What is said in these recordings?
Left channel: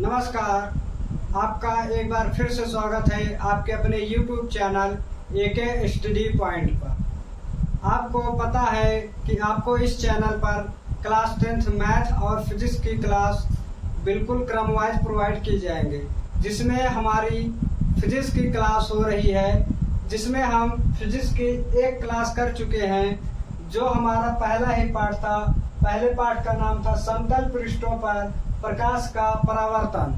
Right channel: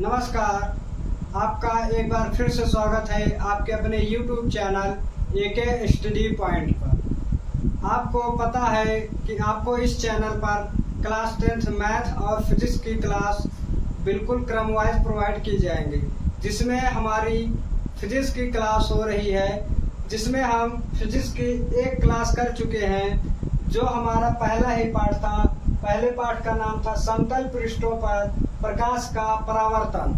नमस्कार, आपका एक बार फिर से स्वागत है आपके अपने YouTube channel AK study point पर। आपको पता है कि आपको इस चैनल पर क्लास 10th मैथ और फिजिक्स की क्लास बिल्कुल क्रम वाइज प्रोवाइड की जाएंगे, जिसमें हमारी फिजिक्स की क्लास हो रही है, जिसमें हम फिजिक्स की एक क्लास कर चुके हैं, जो हमारा पहला ही पार्ट था। पहले पार्ट का नाम था समतल पृष्ठों पर प्रकाश का परावर्तन।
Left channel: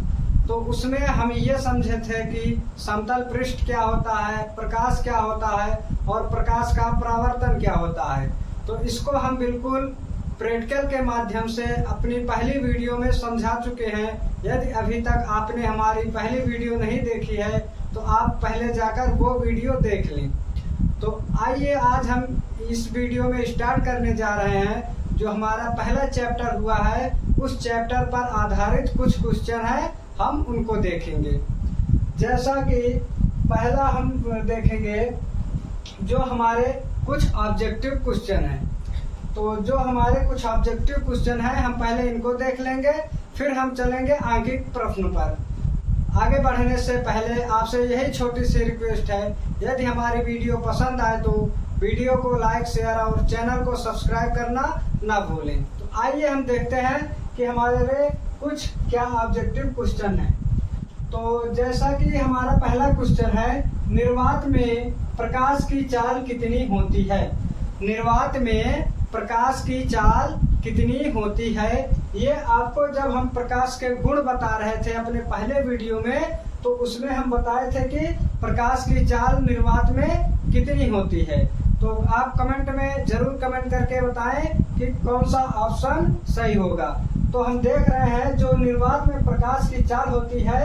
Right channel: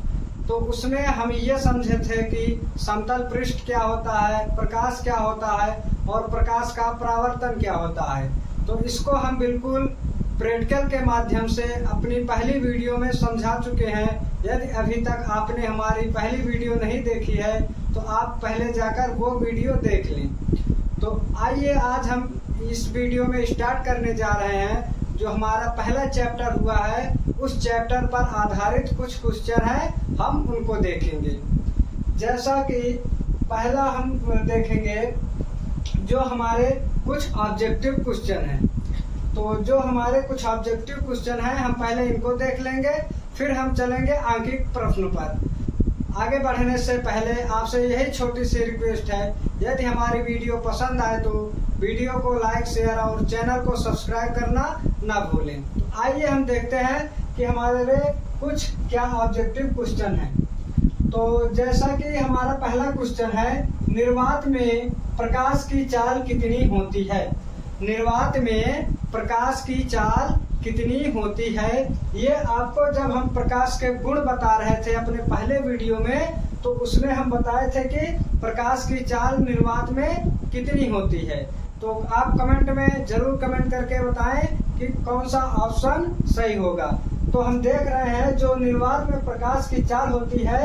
तो उसमें हम ये समझे थे कि समतल पृष्ठ क्या होता है, प्रकाश क्या होता है और प्रकाश का परावर्तन क्या होता है। तो इसको हम बिल्कुल प्रैक्टिकल के माध्यम से अपनी पहली वीडियो में समझा चुके हैं। यदि अभी तक आपने हमारी पहली वीडियो नहीं देखी है तो आप पहले जाकर वो वीडियो देख लें। तो आइए आज हम इस वीडियो में स्टार्ट करने जा रहे हैं। जो हमारा पहला चैप्टर हुआ है उस चैप्टर पर आधारित कुछ क्वेश्चन है, हम उनको देखेंगे। जैसा कि पहला हम देखेंगे जो हमारे कुछ ऑब्जेक्टिव क्वेश्चन हैं। तो जो हमारे कुछ ऑब्जेक्टिव क्वेश्चन हैं हम पहले इनको देख लेंगे, फिर हम चलेंगे आंकिक प्रश्न पर। आगे बढ़ने से पहले आपसे यही छोटी सी रिक्वेस्ट है, यदि हमारी वीडियो पसंद आए तो वीडियो को लाइक, शेयर और चैनल को सब्सक्राइब करना ना भूलें। तो आइए हम देखते हैं कि हमारे कुछ क्या ऑब्जेक्टिव क्वेश्चन है। तो जैसा कि हमारा पहला क्वेश्चन है, निर्वात में प्रकाश की चाल कितनी होती है। निर्वात में प्रकाश की चाल कितनी होती है। ये आपको जब हम प्रकाश के गुण बता रहे थे अपने पहले वीडियो में, तो उसमें हम बताए थे कि प्रकाश की चाल निर्वात में कितनी होती है। तो आप कमेंट में जरूर कमेंट करके बताएं कि कौन सा ऑप्शन सही होगा। तो हम देख रहे हैं जो निर्वात में प्रकाश की चाल होती है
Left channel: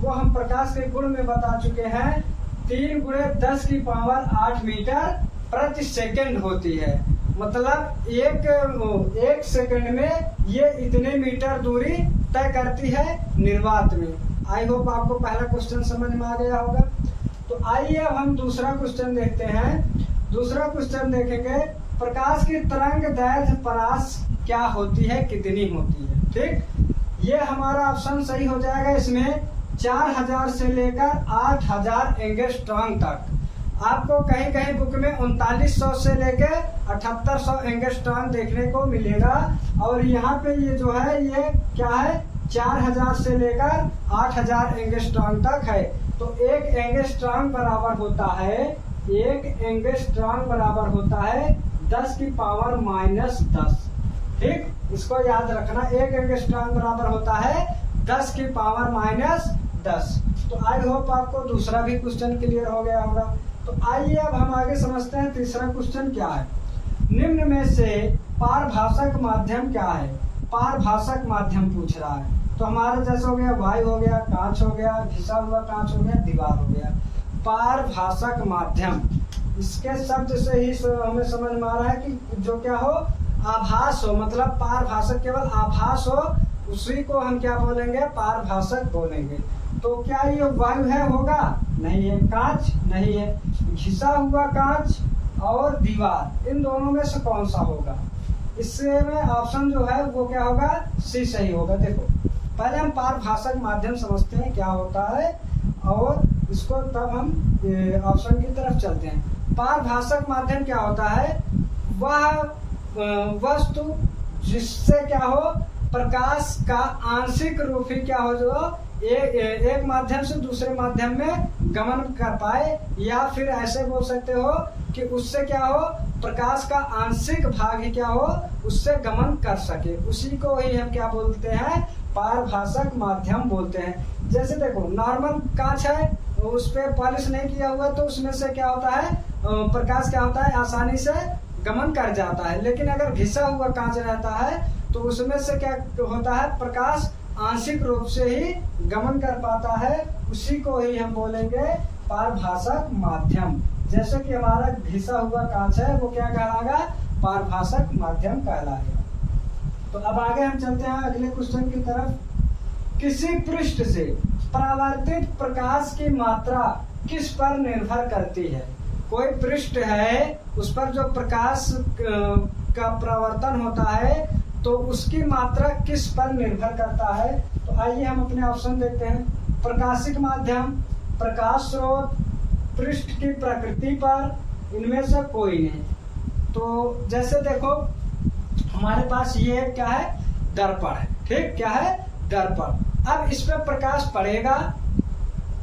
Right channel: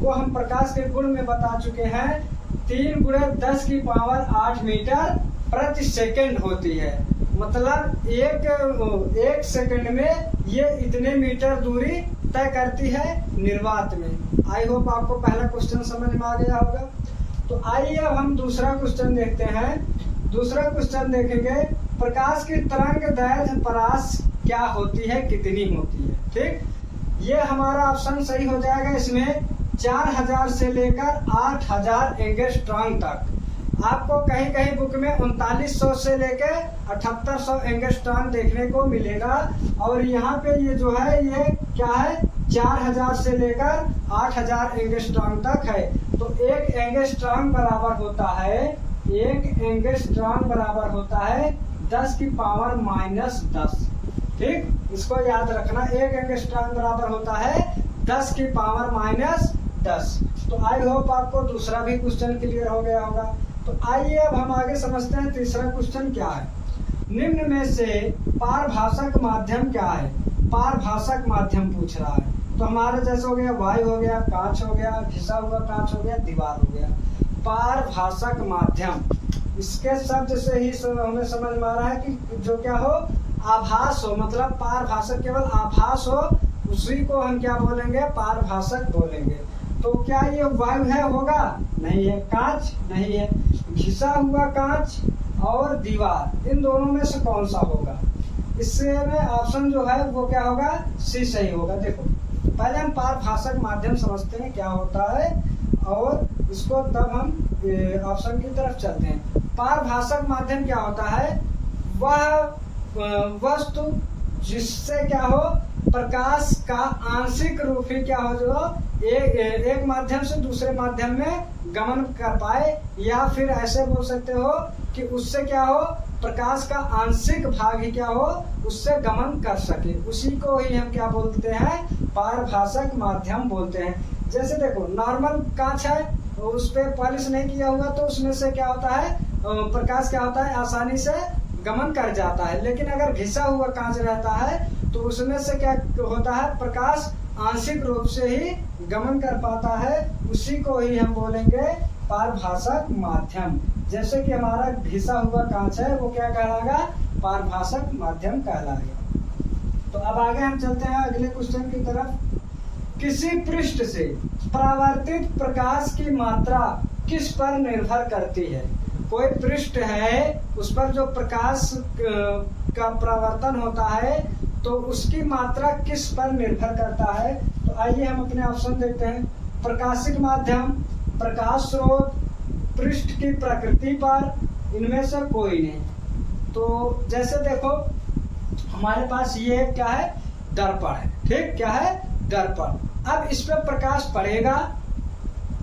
वो हम प्रकाश के गुण में बता चुके हैं, 3 × 10⁸ मीटर प्रति सेकंड होती है। मतलब एक सेकंड में ये इतने मीटर दूरी तय करती है निर्वात में। आई होप आपको पहला क्वेश्चन समझ में आ गया होगा। तो आइए अब हम दूसरा क्वेश्चन देखते हैं। दूसरा क्वेश्चन देखेंगे, प्रकाश की तरंग दैर्घ्य परास क्या होती है, कितनी होती है। ठीक, ये हमारा ऑप्शन सही हो जाएगा। इसमें 4000 से लेकर 8000 एंगस्ट्रॉम तक। आपको कहीं कहीं बुक में 3900 से लेकर 7800 एंगस्ट्रॉम देखने को मिलेगा, और यहाँ पे ये जो है ये क्या है, 4000 से लेकर 8000 एंगस्ट्रॉम तक है। तो एक एंगस्ट्रॉम बराबर होता है 10⁻⁻10। ठीक, इसको याद रखना, एक एंगस्ट्रॉम बराबर होता है 10⁻⁻10। तो आई होप आपको दूसरा भी क्वेश्चन क्लियर हो गया होगा। तो आइए अब हम आगे समझते हैं तीसरा क्वेश्चन क्या है। निम्न में से पारभाषक माध्यम क्या है। पारभाषक माध्यम पूछ रहा है। तो हमारे जैसे हो गया वायु हो गया, कांच हो गया, घिसा हुआ कांच हो गया, दीवार हो गया। पारभाषक माध्यम, इसके शब्द से ही हमें समझ में आ रहा है कि जो क्या हो, आभास हो। मतलब पारभाषक केवल आभास हो, उसी को हम क्या बोलेंगे, पारभाषक बोलेंगे। तो क्या ये वायु है, होगा नहीं है, कांच नहीं है, घिसा हुआ कांच और दीवार, इन दोनों में से कौन सा होगा। इससे में ऑप्शन जो है वो क्या होगा, सी सही होगा। देखो पहले हम पारभाषक माध्यम समझते हैं क्या होता है, और इसको तब हम ऑप्शन की तरफ चलते हैं। पारभाषक माध्यम क्या होता है, वह वस्तु जिससे क्या हो, प्रकाश का आंशिक रूप ही क्या हो, जो एक माध्यम से दूसरे माध्यम में गमन कर पाए, या फिर ऐसे बोल सकते हो कि उससे क्या हो, प्रकाश का आंशिक भाग ही क्या हो, उससे गमन कर सके। उसी को ही हम क्या बोलते हैं, पारभाषक माध्यम बोलते हैं। जैसे देखो नॉर्मल कांच है, उस पे पॉलिश नहीं किया हुआ, तो उसमें से क्या होता है, प्रकाश क्या होता है, आसानी से गमन कर जाता है। लेकिन अगर घिसा हुआ कांच रहता है तो उसमें से क्या होता है, प्रकाश आंशिक रूप से ही गमन कर पाता है। उसी को ही हम बोलेंगे पारभाषक माध्यम। जैसे कि हमारा घिसा हुआ कांच है, वो क्या कहलाएगा, पारभाषक माध्यम कहलाएगा। तो अब आगे हम चलते हैं अगले क्वेश्चन की तरफ। किसी पृष्ठ से परावर्तित प्रकाश की मात्रा किस पर निर्भर करती है। कोई पृष्ठ है, उस पर जो प्रकाश का परावर्तन होता है तो उसकी मात्रा किस पर निर्भर करता है? तो आइए हम अपने ऑप्शन देखते हैं। प्रकाशिक माध्यम, प्रकाश स्रोत, पृष्ठ की प्रकृति पर, इनमें से कोई नहीं। तो जैसे देखो हमारे पास ये क्या है, दर्पण है, ठीक, क्या है, दर्पण। अब इस पे प्रकाश पड़ेगा,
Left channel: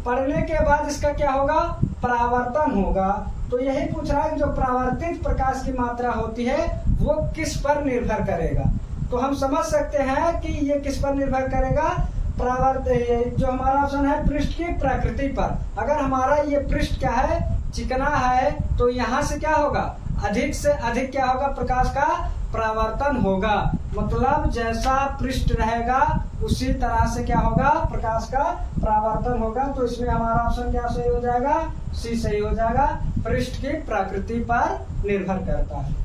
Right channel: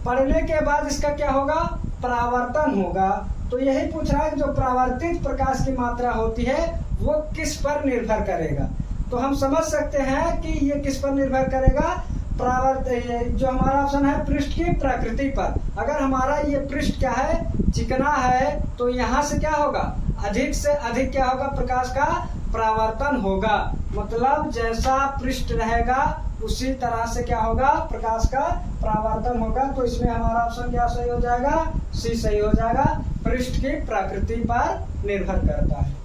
पड़ने के बाद इसका क्या होगा, परावर्तन होगा। तो यही पूछ रहा है कि जो परावर्तित प्रकाश की मात्रा होती है वो किस पर निर्भर करेगा। तो हम समझ सकते हैं कि ये किस पर निर्भर करेगा, जो हमारा ऑप्शन है पृष्ठ की प्रकृति पर। अगर हमारा ये पृष्ठ क्या है, चिकना है, तो यहाँ से क्या होगा, अधिक से अधिक क्या होगा, प्रकाश का परावर्तन होगा। मतलब जैसा पृष्ठ रहेगा उसी तरह से क्या होगा, प्रकाश का परावर्तन होगा। तो इसमें हमारा ऑप्शन क्या सही हो जाएगा, सी सही हो जाएगा, पृष्ठ की प्रकृति पर निर्भर करता है।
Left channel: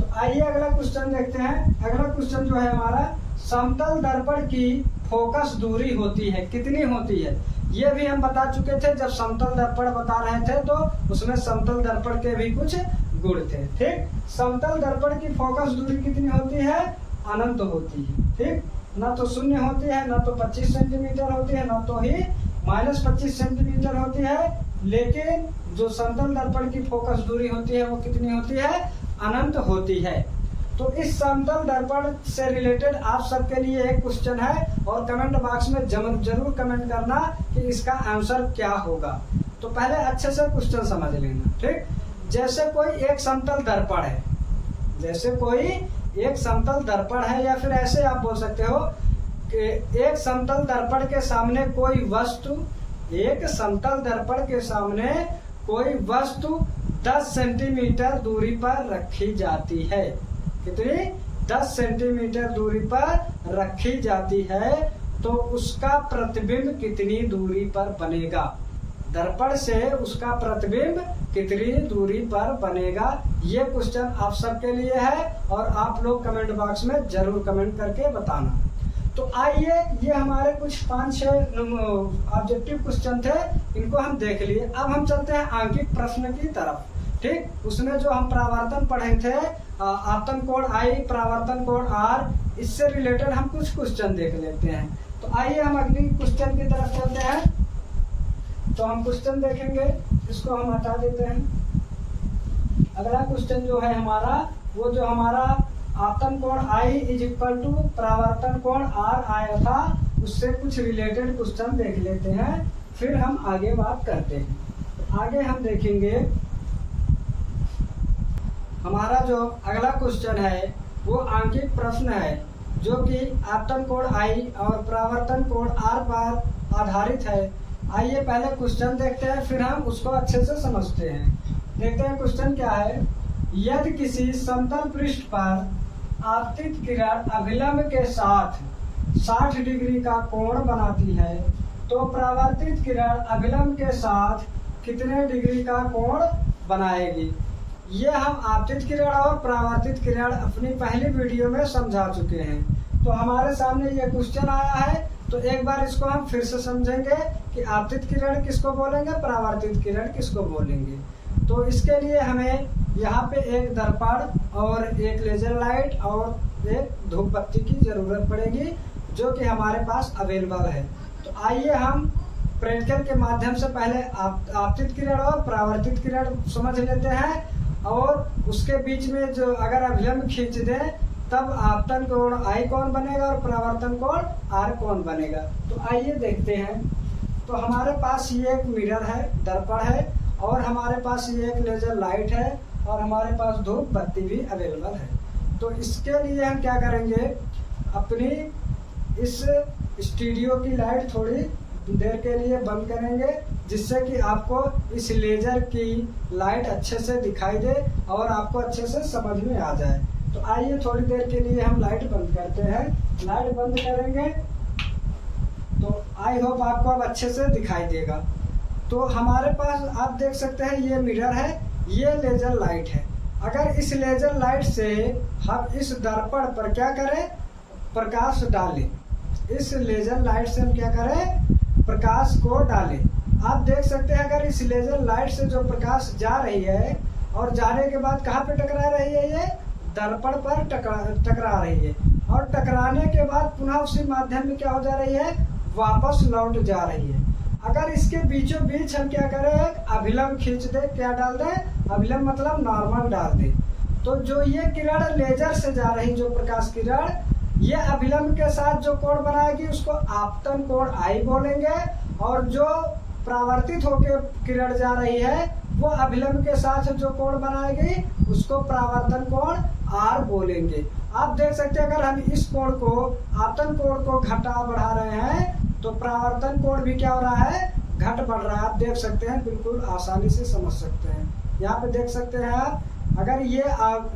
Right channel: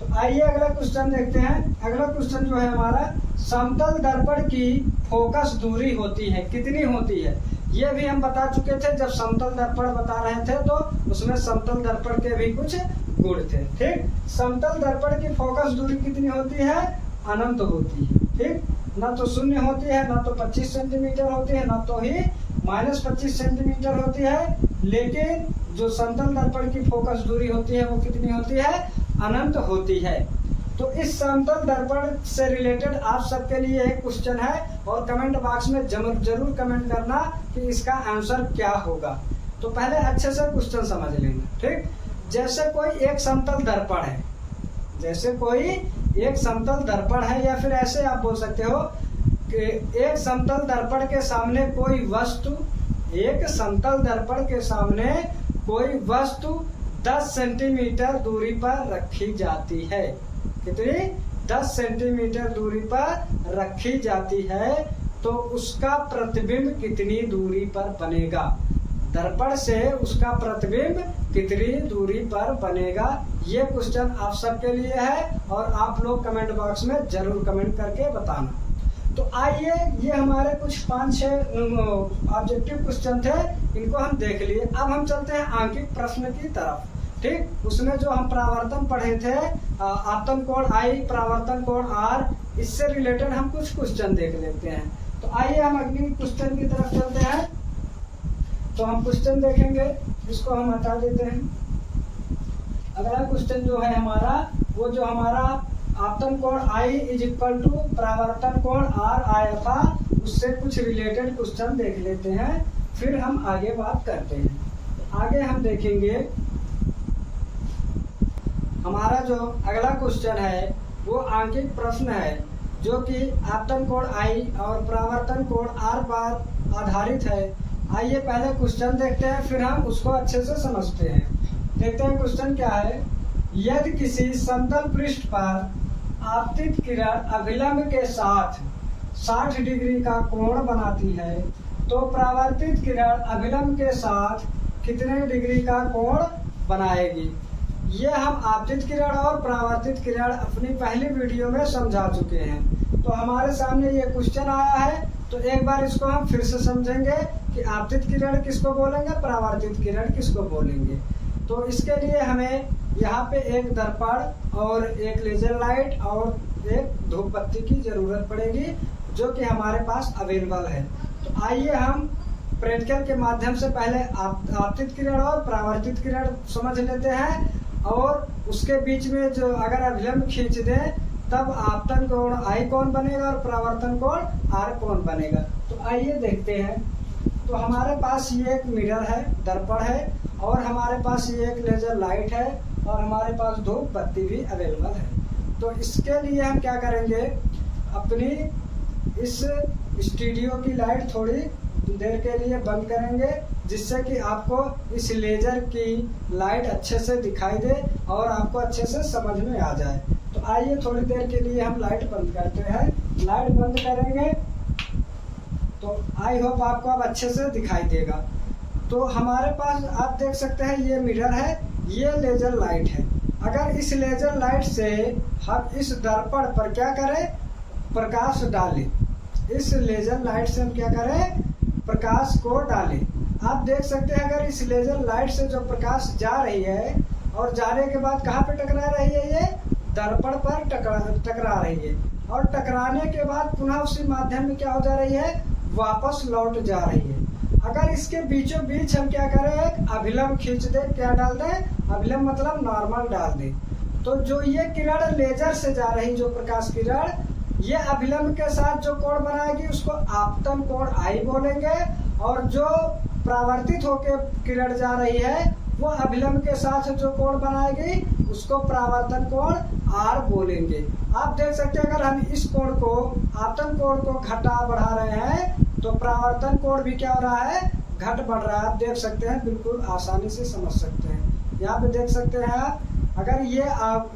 तो आइए अगला क्वेश्चन देखते हैं। अगला क्वेश्चन जो है हमारा, समतल दर्पण की फोकस दूरी होती है, कितनी होती है? ये भी हम बता चुके थे जब समतल दर्पण बता रहे थे, तो उसमें समतल दर्पण के भी कुछ गुण थे, ठीक। समतल दर्पण की फोकस दूरी कितनी होती है, अनंत होती है, ठीक। ना तो शून्य होती है, ना तो 25 सेंटीमीटर होती है, ना तो ही -25 सेंटीमीटर होती है। लेकिन जो समतल दर्पण की फोकस दूरी होती है वो कितनी होती है, अनंत होती है। तो इस समतल दर्पण से रिलेटेड आप सबके लिए एक क्वेश्चन है और कमेंट बॉक्स में जरूर कमेंट करना कि इसका आंसर क्या होगा। तो पहले अच्छे से क्वेश्चन समझ लेना, ठीक। जैसे कोई एक समतल दर्पण है, जैसे कोई एक समतल दर्पण है, या फिर ऐसे आप बोल सकते हो कि एक समतल दर्पण के सामने कोई वस्तु, एक समतल दर्पण के सामने कोई वस्तु 10 सेंटीमीटर दूरी पर रखी जाती है। कितनी? 10 सेंटीमीटर दूरी पर रखी जाती है। तो उसका प्रतिबिंब कितनी दूरी पर बनेगा? दर्पण से उसका प्रतिबिंब कितनी दूरी पर बनेगा? ये क्वेश्चन आप सबके लिए है और आप लोग कमेंट बॉक्स में जरूर कमेंट करके बताना। तो आइए, ये हमारे कुछ 5-6 ऑब्जेक्टिव क्वेश्चन थे, इनको हम देख लिए। अब हम चलते हैं आंकिक प्रश्न की तरफ, ठीक। उसमें जो हम परावर्तन पढ़े थे, आपतन कोण I, परावर्तन कोण R, इससे रिलेटेड हम कुछ क्वेश्चन देख लेते हैं। तो आइए हम अगली क्वेश्चन की तरफ चलते हैं। तो हम क्वेश्चन देखेंगे, इसको हम हटा देते हैं। अगला क्वेश्चन जो है हमारा, वो जो हमारा आपतन कोण I = परावर्तन कोण R आया था, उससे कुछ रिलेटेड क्वेश्चन देख लेते हैं, फिर हम आगे बात करते हैं। तो आगे हम देखेंगे हमारा जो अगला क्वेश्चन है वो आंकिक प्रश्न है, जो कि आपतन कोण I और परावर्तन कोण R पर आधारित है। आइए पहले क्वेश्चन देखते हैं, फिर हम उसको अच्छे से समझते हैं। देखते हैं क्वेश्चन क्या है। यदि किसी समतल पृष्ठ पर आपतित किरण अभिलंब के साथ 60 डिग्री का कोण बनाती है, तो परावर्तित किरण अभिलंब के साथ कितने डिग्री का कोण बनाएगी? ये हम आपतित किरण और परावर्तित किरण अपनी पहली वीडियो में समझा चुके हैं। तो हमारे सामने ये क्वेश्चन आया है, तो एक बार इसको हम फिर से समझेंगे कि आपतित किरण किसको बोलेंगे, परावर्तित किरण किसको बोलेंगे। तो इसके लिए हमें यहाँ पे एक दर्पण और एक लेजर लाइट और एक धूप बत्ती की जरूरत पड़ेगी, जो कि हमारे पास अवेलेबल है। तो आइए हम प्रैक्टिकल के माध्यम से पहले आपतित किरण और परावर्तित किरण समझ लेते हैं, और उसके बीच में जो अगर अभिलंब खींच दें तब आपतन कोण I कौन बनेगा और परावर्तन कोण R कौन बनेगा। तो आइए देखते हैं। तो हमारे पास ये एक मिरर है, दर्पण है, और हमारे पास ये एक लेजर लाइट है, और हमारे पास धूप बत्ती भी अवेलेबल है। तो इसके लिए हम क्या करेंगे, अपनी इस स्टूडियो की लाइट थोड़ी देर के लिए बंद करेंगे, जिससे कि आपको इस लेजर की लाइट अच्छे से दिखाई दे और आपको अच्छे से समझ में आ जाए। तो आइए थोड़ी देर के लिए हम लाइट बंद करते हैं। लाइट बंद करेंगे तो आई होप आपको अब अच्छे से दिखाई देगा। तो हमारे पास आप देख सकते हैं ये मिरर है, ये लेजर लाइट है। अगर इस लेजर लाइट से हम इस दर्पण पर क्या करें, प्रकाश डालें, इस लेजर लाइट से हम क्या करें, प्रकाश को डालें। आप देख सकते हैं अगर इस लेजर लाइट से जो प्रकाश जा रही है और जाने के बाद कहाँ पे टकरा रही है, ये दर्पण पर टकरा रही है। और टकराने के बाद पुनः उसी माध्यम में क्या हो जा रही है, वापस लौट जा रही है। अगर इसके बीचों बीच हम क्या करें, एक अभिलंब खींच दे, क्या डाल दें, अभिलंब मतलब नॉर्मल डाल दें, तो जो ये किरण लेजर से जा रही, जो प्रकाश किरण, ये अभिलंब के साथ जो कोण बनाएगी उसको आपतन कोण आई बोलेंगे, और जो परावर्तित होकर किरण जा रही है वो अभिलंब के साथ जो कोण बनाएगी उसको परावर्तन कोण आर बोलेंगे। आप देख सकते हैं अगर हम इस कोण को, आपतन कोण को घटा बढ़ा रहे हैं तो परावर्तन कोण भी क्या हो रहा है, घट बढ़ रहा है। आप देख सकते हैं, बिल्कुल आसानी से समझ सकते हैं। यहाँ पे देख सकते हैं आप, अगर ये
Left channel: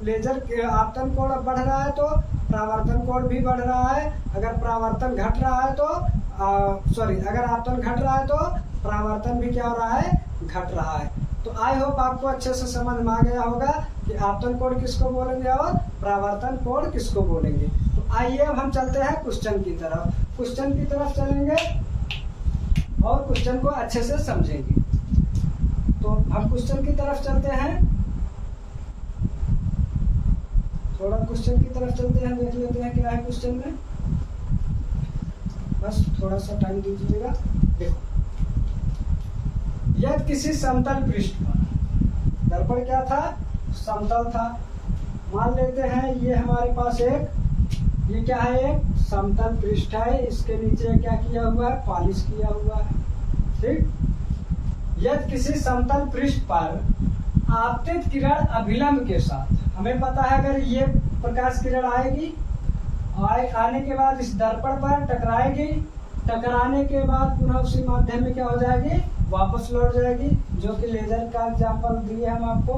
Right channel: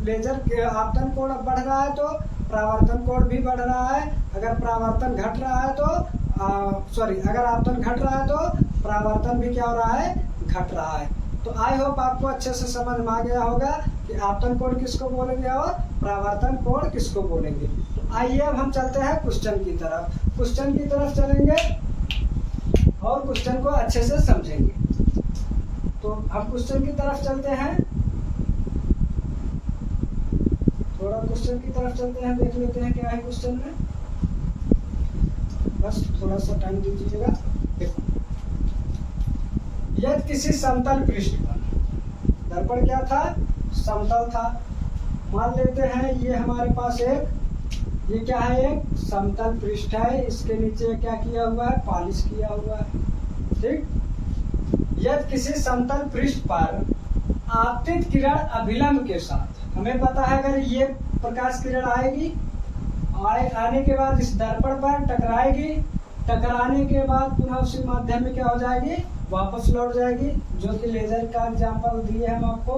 लेजर के आपतन कोण बढ़ रहा है तो परावर्तन कोण भी बढ़ रहा है, अगर परावर्तन घट रहा है तो अगर आपतन घट रहा है तो परावर्तन भी क्या हो रहा है, घट रहा है। तो आई होप आपको अच्छे से समझ में आ गया होगा कि आपतन कोण किसको बोलेंगे और परावर्तन कोण किसको बोलेंगे। तो आइए अब हम चलते हैं क्वेश्चन की तरफ, क्वेश्चन की तरफ चलेंगे और क्वेश्चन को अच्छे से समझेंगे। तो हम क्वेश्चन की तरफ चलते हैं, थोड़ा क्वेश्चन की तरफ चलते हैं, देख लेते हैं क्या है क्वेश्चन में, बस थोड़ा सा टाइम दीजिएगा। देखो, यदि किसी समतल पृष्ठ पर, दर्पण क्या था, समतल था, मान लेते हैं ये हमारे पास एक, ये क्या है, एक समतल पृष्ठ है, इसके नीचे क्या किया हुआ है, पॉलिश किया हुआ है, ठीक। यदि किसी समतल पृष्ठ पर आपतित किरण अभिलंब के साथ, हमें पता है अगर ये प्रकाश किरण आएगी, आने के बाद इस दर्पण पर टकराएगी, टकराने के बाद पुनः उसी माध्यम में क्या हो जाएगी, वापस लौट जाएगी, जो कि लेजर का एग्जाम्पल दिए हम आपको।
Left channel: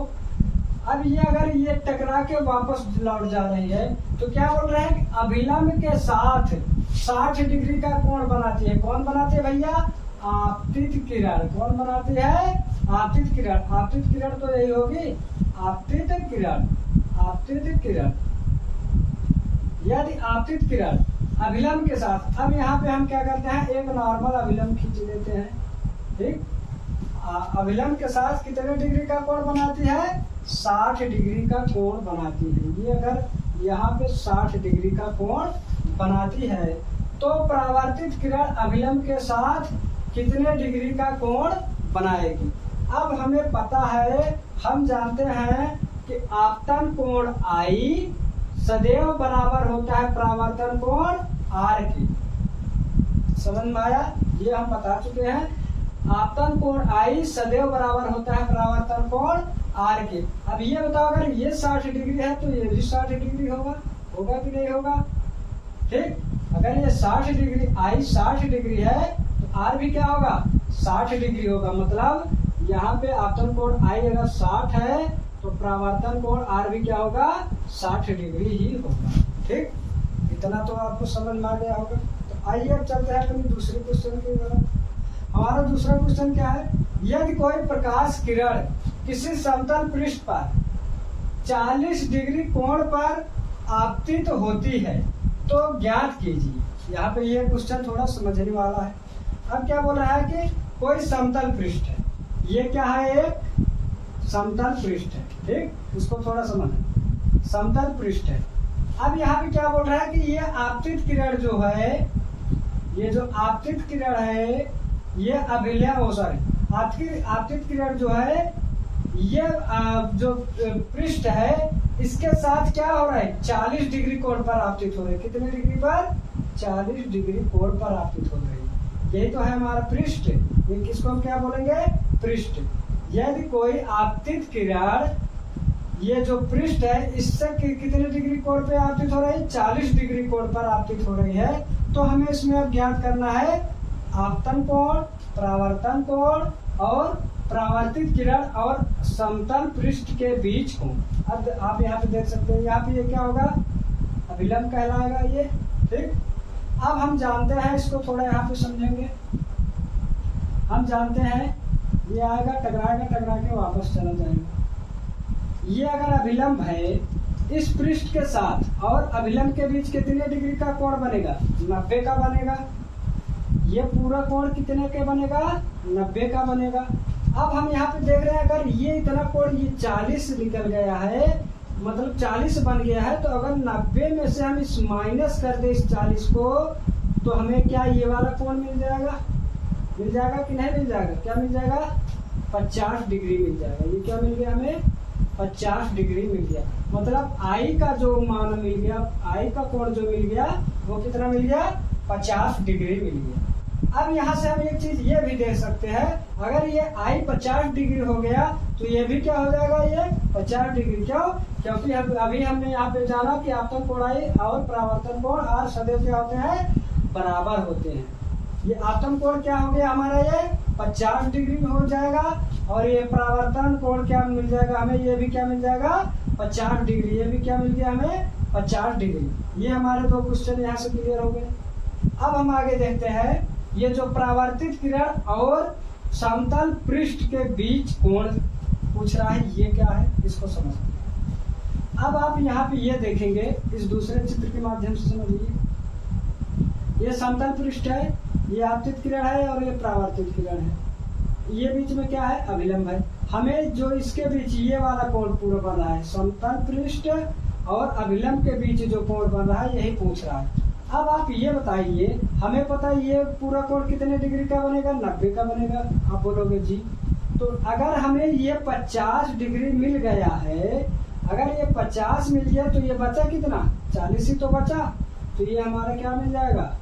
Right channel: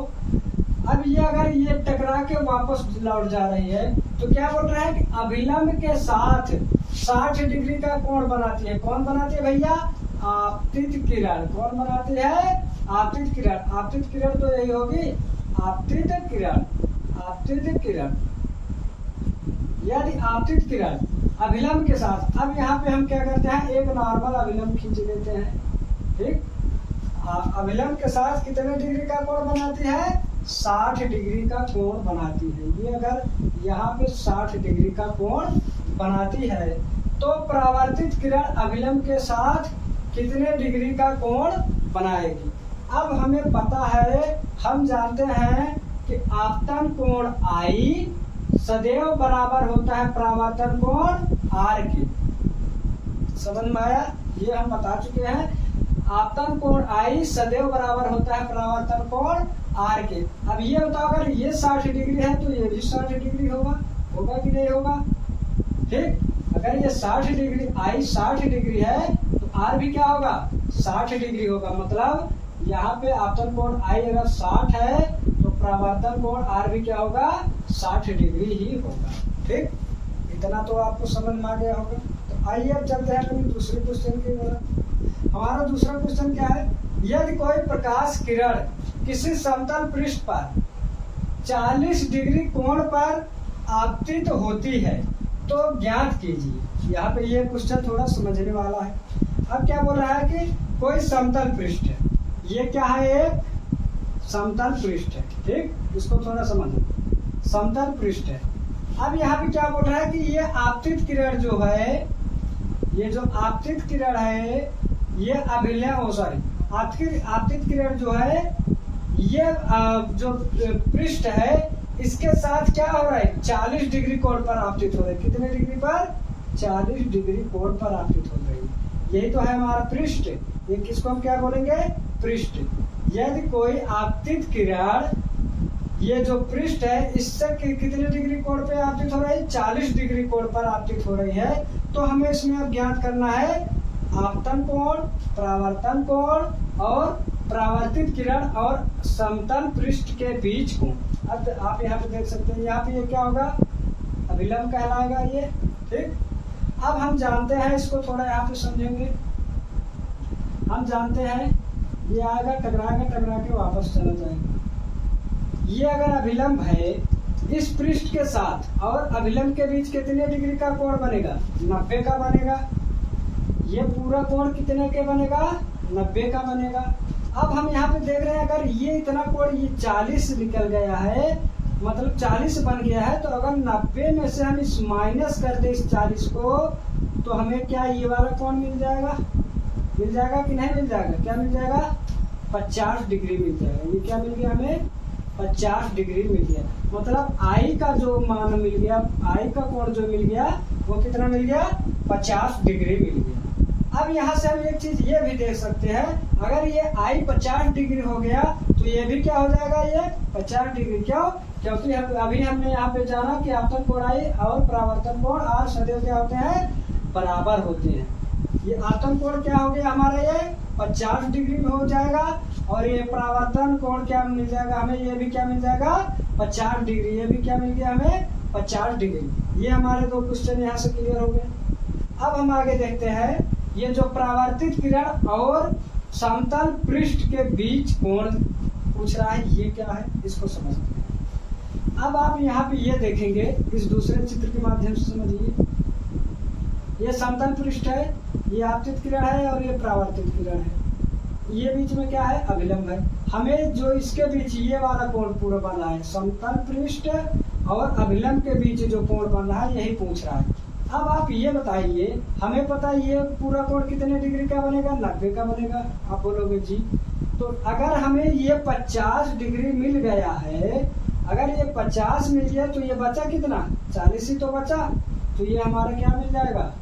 अब ये अगर ये टकरा के वापस लौट जा रही है तो क्या बोल रहे हैं कि अभिलंब के साथ 60 डिग्री का कोण बनाती है। कौन बनाती है भैया, आपतित किरण। कौन बनाती है, आपतित किरण। आपतित किरण तो यही होगी, आपतित किरण, आपतित किरण। यदि आपतित किरण अभिलंब के साथ, अब यहाँ पे हम क्या करते हैं, एक नॉर्मल अभिलंब खींच लेते हैं, ठीक। अभिलंब के साथ कितने डिग्री का कोण बनाती है, 60 डिग्री का कोण बनाती है। ये अगर यहाँ पे 60 डिग्री का कोण बनाती है तो परावर्तित किरण अभिलंब के साथ कितने डिग्री का कोण बनाएगी। अब हमें पता है, हम जानते हैं कि आपतन कोण आई सदैव बराबर होता है परावर्तन कोण आर की। समझ में आया, ये हम बता चुके हैं। आपतन कोण आई सदैव बराबर होता है परावर्तन कोण आर के। अब ये बताओ अगर ये 60 डिग्री है तो ये भी 60 डिग्री होगा, होगा कि नहीं होगा, ठीक। अगर ये 60 डिग्री आई 60 डिग्री है तो आर भी क्या होगा, 60 डिग्री होगा। मतलब यहाँ पे आपतन कोण आई अगर 60 है तो परावर्तन कोण आर भी क्या होगा, 60 डिग्री ही होगा, ठीक। इतना तो आपको समझ में आ गया होगा। तो आइए अब चलते हैं अपनी दूसरे क्वेश्चन की तरफ। हमारा दूसरा क्वेश्चन क्या है, यदि कोई प्रकाश किरण किसी समतल पृष्ठ पर 40 डिग्री कोण पर आपतित होती है तो ज्ञात कीजिए। यहाँ पे ये क्वेश्चन थोड़ा समझने वाला है। अब क्या बोल रहा है कि कोई समतल पृष्ठ है, ये क्या है, एक समतल पृष्ठ है, ठीक। इसको थोड़ा समझो, समतल पृष्ठ है। अब यहाँ पे क्या बोल रहा है कि ये आपतित किरण जो है, ये जो आपतित किरण है, ये अभिलंब आपतित किरण जो है, ये जो पृष्ठ है इसके साथ क्या हो रहा है, 40 डिग्री कोण पर आपतित हो रही है। कितने डिग्री पर, 40 डिग्री कोण पर आपतित हो रही है। यही तो है हमारा पृष्ठ। ये किसको हम क्या बोलेंगे, पृष्ठ। यदि कोई आपतित किरण, ये जो पृष्ठ है इससे कितने डिग्री कोण पे आपतित हो रही है, 40 डिग्री कोण पर आपतित हो रही है, तो हमें इसमें अब ज्ञात करना है आपतन कोण, परावर्तन कोण और परावर्तित किरण और समतल पृष्ठ के बीच कोण। अब आप यहाँ पे देख सकते हैं, यहाँ पे ये क्या होगा, अभिलंब कहलाएगा ये, ठीक। अब हम जानते हैं, इसको थोड़ा यहाँ पे समझेंगे। हम जानते हैं ये आएगा, टकराएगा, टकरा के वापस चला जाएगा। ये अगर अभिलंब है इस पृष्ठ के साथ और अभिलंब के बीच कितने डिग्री का कोण बनेगा, 90 का बनेगा। ये पूरा कोण कितने के बनेगा, 90 का बनेगा। अब हम यहाँ पे देख रहे हैं अगर ये इतना कोण, ये 40 निकल गया है मतलब 40 बन गया है, तो अगर 90 में से हम इस माइनस कर दे इस 40 को, तो हमें क्या ये वाला कोण मिल जाएगा कि नहीं मिल जाएगा? क्या मिल जाएगा? 50 डिग्री मिल जाएगा। ये क्या मिल गया हमें? 50 डिग्री मिल गया। मतलब आई का जो मान मिल गया, आई का कोण जो मिल गया वो कितना मिल गया? 50 डिग्री मिल गया। अब यहाँ से हम एक चीज ये भी देख सकते हैं, अगर ये आई 50 डिग्री हो गया तो ये भी क्या हो जाएगा? ये 50 डिग्री। क्यों? क्योंकि अभी हमने यहाँ पे जाना कि आपतन कोण आई और परावर्तन कोण आर सदैव क्या होते हैं? बराबर होते हैं। ये आपतन कोण क्या हो गया हमारा? ये 50 डिग्री में हो जाएगा, और ये परावर्तन कोण क्या मिल जाएगा हमें? ये भी क्या मिल जाएगा? 50 डिग्री। ये भी क्या मिल गया हमें? 50 डिग्री। ये हमारे दो क्वेश्चन यहाँ से क्लियर हो गए। अब हम आगे देखते हैं, ये जो परावर्तित किरण और समतल पृष्ठ के बीच कोण पूछ रहा है, ये क्या है इसको समझते हैं। अब आप यहाँ पे ये देखेंगे, इस दूसरे चित्र के माध्यम से समझिए। ये समतल पृष्ठ है, ये आपतित किरण है और ये परावर्तित किरण है। ये बीच में क्या है? अभिलंब है। हमें जो इसके बीच ये वाला कोण पूरा बन रहा है, समतल पृष्ठ और अभिलंब के बीच जो कोण बन रहा है, यही पूछ रहा है। अब आप ये बताइए, हमें पता है ये पूरा कोण कितने डिग्री का बनेगा? 90 का बनेगा। आप बोलोगे जी, तो अगर हमें ये 50 डिग्री मिल गया है, अगर ये 50 मिल गया तो ये बचा कितना? 40 ही तो बचा। तो ये हमारा क्या मिल जाएगा?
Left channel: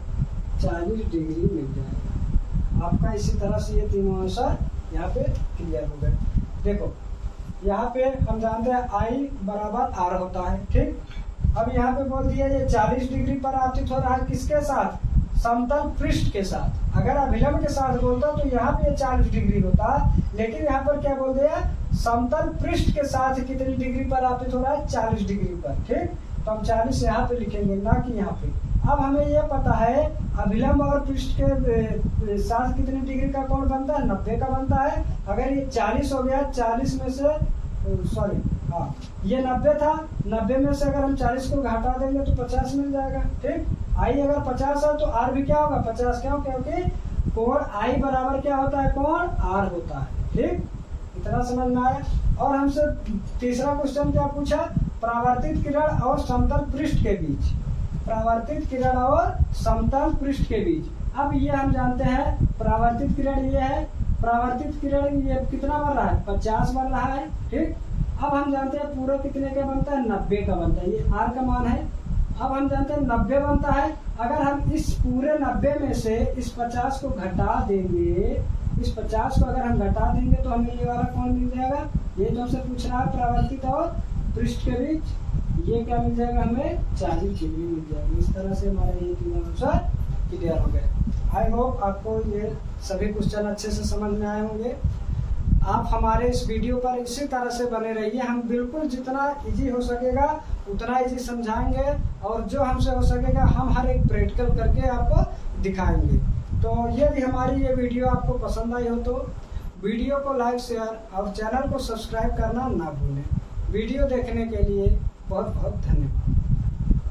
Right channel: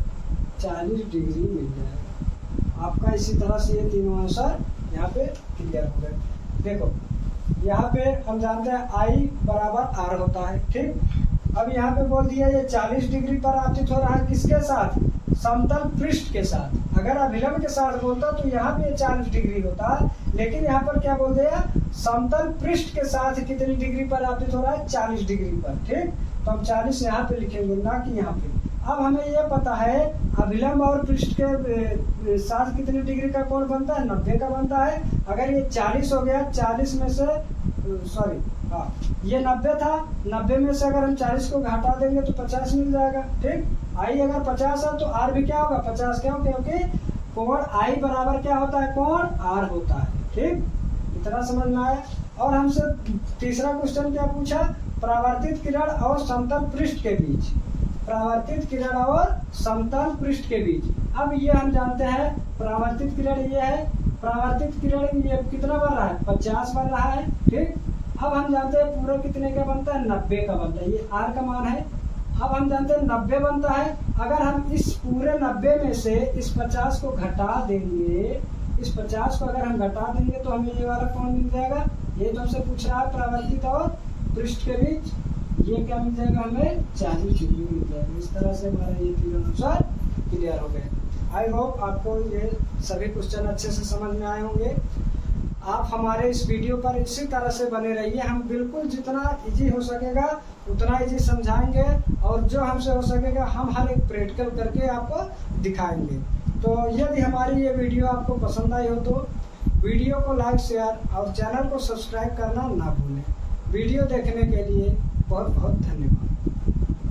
40 डिग्री मिल जाएगा। आपका इसी तरह से ये तीनों आंसर यहाँ पे क्लियर हो गए। देखो यहाँ पे हम जानते हैं आई बराबर आर होता है, ठीक। अब यहाँ पे बोल दिया ये 40 डिग्री पर आपतित हो रहा है, किसके साथ? समतल पृष्ठ के साथ। अगर अभिलंब के साथ बोलता तो यहाँ पे 40 डिग्री होता, लेकिन यहाँ पर क्या बोल दिया? समतल पृष्ठ के साथ कितनी डिग्री पर आपतित हो रहा है? 40 डिग्री पर, ठीक। तो हम 40 यहाँ पे लिखेंगे, ना कि यहाँ पे। अब हमें ये पता है अभिलंब और पृष्ठ के साथ कितनी डिग्री का कोण बनता है? 90 का बनता है। अगर ये 40 हो गया, 40 में से सॉरी हाँ ये 90 था, 90 में से अगर हम 40 को घटा देंगे तो 50 मिल जाएगा, ठीक। आई अगर 50 है तो आर भी क्या होगा? 50। क्यों? क्योंकि कोण आई बराबर क्या होता है? कोण आर होता है, ठीक। इतना समझ में आया। और हमसे तीसरा क्वेश्चन क्या पूछा? परावर्तित किरण और समतल पृष्ठ के बीच। परावर्तित किरण और समतल पृष्ठ के बीच। अब ये हम जानते हैं परावर्तित किरण ये है, परावर्तित किरण ये कितना बन रहा है? 50 बन रहा है, ठीक। अब हम जानते हैं पूरा कितने का बनता है? 90 का बनता है। ये आर का मान है। अब हम जानते हैं 90 बनता है। अगर हम इस पूरे 90 में से इस 50 को घटा देंगे, इस 50 को अगर हम घटा देंगे तो हमें ये वाला कोण मिल जाएगा। ये तो हमसे पूछ रहा है परावर्तित और पृष्ठ के बीच, ये क्या मिल जाएगा? हमें 40 डिग्री मिल जाएगा। इस तरह से हमारे ये तीनों आंसर क्लियर हो गए। आई होप आपको ये सभी क्वेश्चन अच्छे से समझ में आए होंगे। आप हमारे इस वीडियो पर इसी तरह से बने रहिए। हम बिल्कुल जितना इजी हो सकेगा उतना इजी समझाएंगे, और जो हमसे हो सकेगा हम हर एक प्रैक्टिकल करके आपको दिखाएंगे। तो यदि हमारी ये वीडियो आपको पसंद आई हो तो वीडियो को लाइक, शेयर और चैनल को सब्सक्राइब करना ना भूलें। वीडियो देखने के लिए बहुत बहुत धन्यवाद।